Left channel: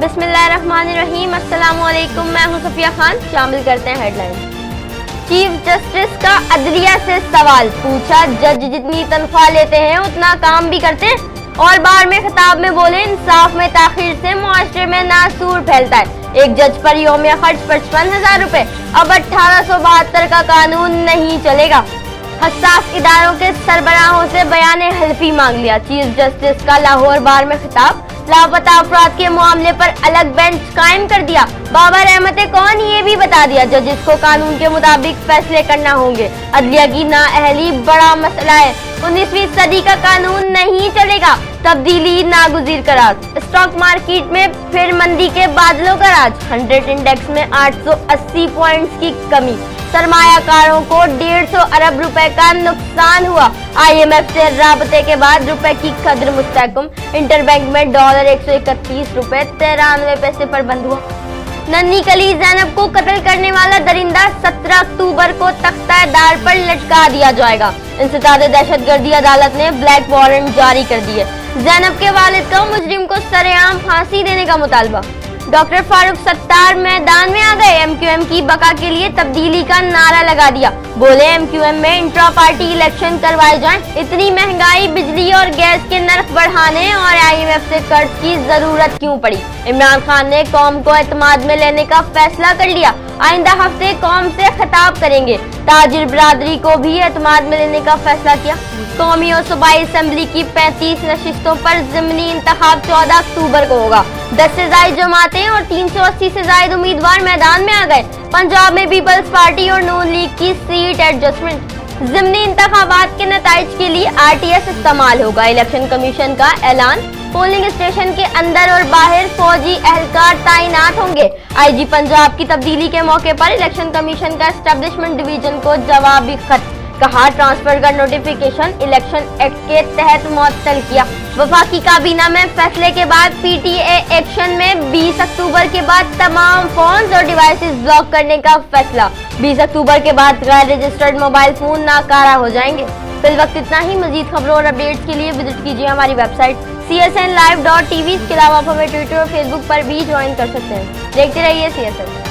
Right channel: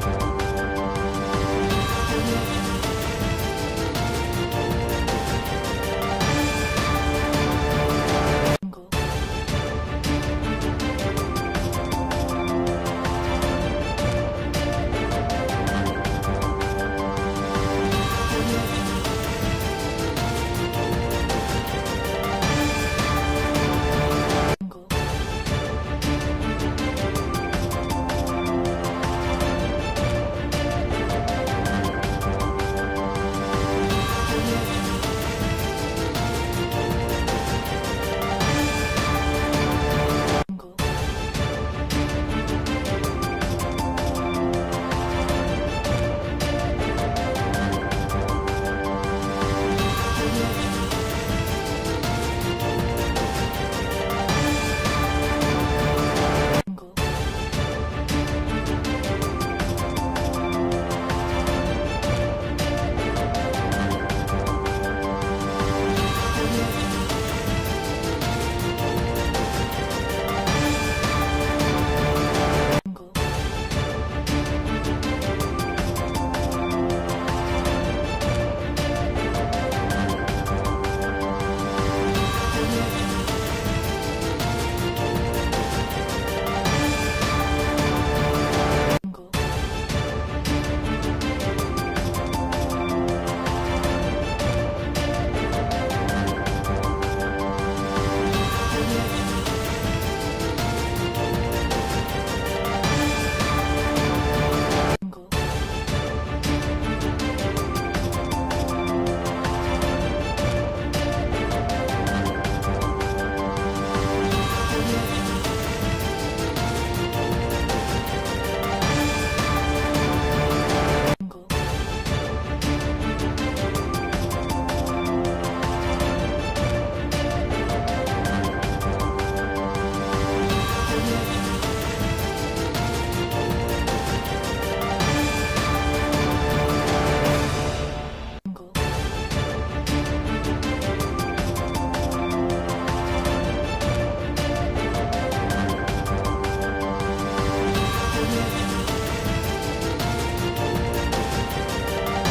बिस्मिल्लाहिर्रहमानिर्रहीम। अस्सलामुअलैकुम, मैं हूं सफिया खान। शामिल करते हैं हेडलाइन। चीफ जस्टिस का अदलिया से सवाल पूछा, जज जितनी तनख्वाह लेते हैं उतना काम भी करते हैं। और बार में खिताब में बोले, इंसाफ में ताखीर से मुआशरे में नासूर फैलता है। एक जज पर यौमिया खर्च 55,000 रुपए। अब 1872 का कानून नहीं चलेगा। हसास इदारों के सरबराहों से बयान हल्फी मांग लिया। चीफ जस्टिस का लाहौर बार में खिताब, लापता अफराद के मामले पर अलग बेंच कायम कर दिया। बाबर अहमद कौन ये भी बता दिया, जजेस को कानून के मुताबिक फैसले करना होंगे। अदलिया की नाअहली बड़ा मसला है। 19वीं सदी का कानून नहीं चलेगा। तब्दीली नागुज़ीर करार। स्टॉक मार्केट में फिर मंदी के बादलों का राज। 100 इंडेक्स में 880 पॉइंट्स की कमी। सरमायाकारों को 150 अरब रुपए का नुकसान हुआ। IMF से राबते के बाद रुपए की कद्र मुस्तहकम। इंटरबैंक में डॉलर 131 रुपए 93 पैसे पर बंद हुआ। नन्ही कली ज़ैनब को कत्ल करने वाला दरिंदा 17 अक्टूबर को तख्ता-ए-दार पर लटका दिया जाएगा। इंसदाद दहशतगर्दी अदालत ने ब्लैक वारंट जारी कर दिए। ज़ैनब के वालिद का मुजरिम को सरेआम फांसी देने का मुतालबा। डॉक्टर फारूक सत्तार मैदान में आ गए। MQM की बका के लिए तब्दीली का नारा लगा दिया। बोले, MQM में इंट्रा पार्टी इलेक्शन करवाए जाएं। इतनी महंगाई, बिजली और गैस के नर्ख बढ़ाने और IMF से कर्ज की जरूरत क्यों पड़ी। इमरान खान ने कौम को एतमाद में लेने का फैसला कर लिया। आइंदा हफ्ते कौम से खिताब करेंगे। ताजिर बिरादरी को भी एतमाद में लेने का फैसला किया। कौमी और सूबाई असेंबली की 35 नशिस्तों पर ज़िमनी इंतखाब 14 अक्टूबर को होगा। 10 से ज्यादा जमातें और 380 से ज्यादा उम्मीदवार मैदान में आ गए। पंजाब में पीपल्स पार्टी और नून लीग की सीट एडजस्टमेंट। ज़िमनी इंतखाबात के नताइज के लिए RTS इस्तेमाल होगा। इलेक्शन कमीशन का ऐलान। पोलिंग स्टेशन के अंदर और बाहर फौजी एहलकार तैनात होंगे। IG पंजाब की तब्दीली के मौके पर इलेक्शन कमीशन का एस्टेब्लिशमेंट डिवीजन को जवाबी खत। कहा, ट्रांसफर का नोटिफिकेशन इलेक्शन एक्ट के तहत मुअत्तल किया। वफाकी काबीना में फैसले के बाद PTA एक्शन में 20 अक्टूबर के बाद तमाम फोन्स और डिवाइसेस ब्लॉक करने का फैसला। 20 अक्टूबर के बाद गैर रजिस्टर्ड मोबाइल फोन नाकारा हो जाएंगे। फिल वक्त इतना ही। मजीद खबरों और अपडेट्स के लिए विजिट कीजिए हमारी वेबसाइट csnlive.tv। इसके अलावा आप हमें ट्विटर और फेसबुक पर भी ज्वाइन कर सकते हैं। देखते रहिए CSN।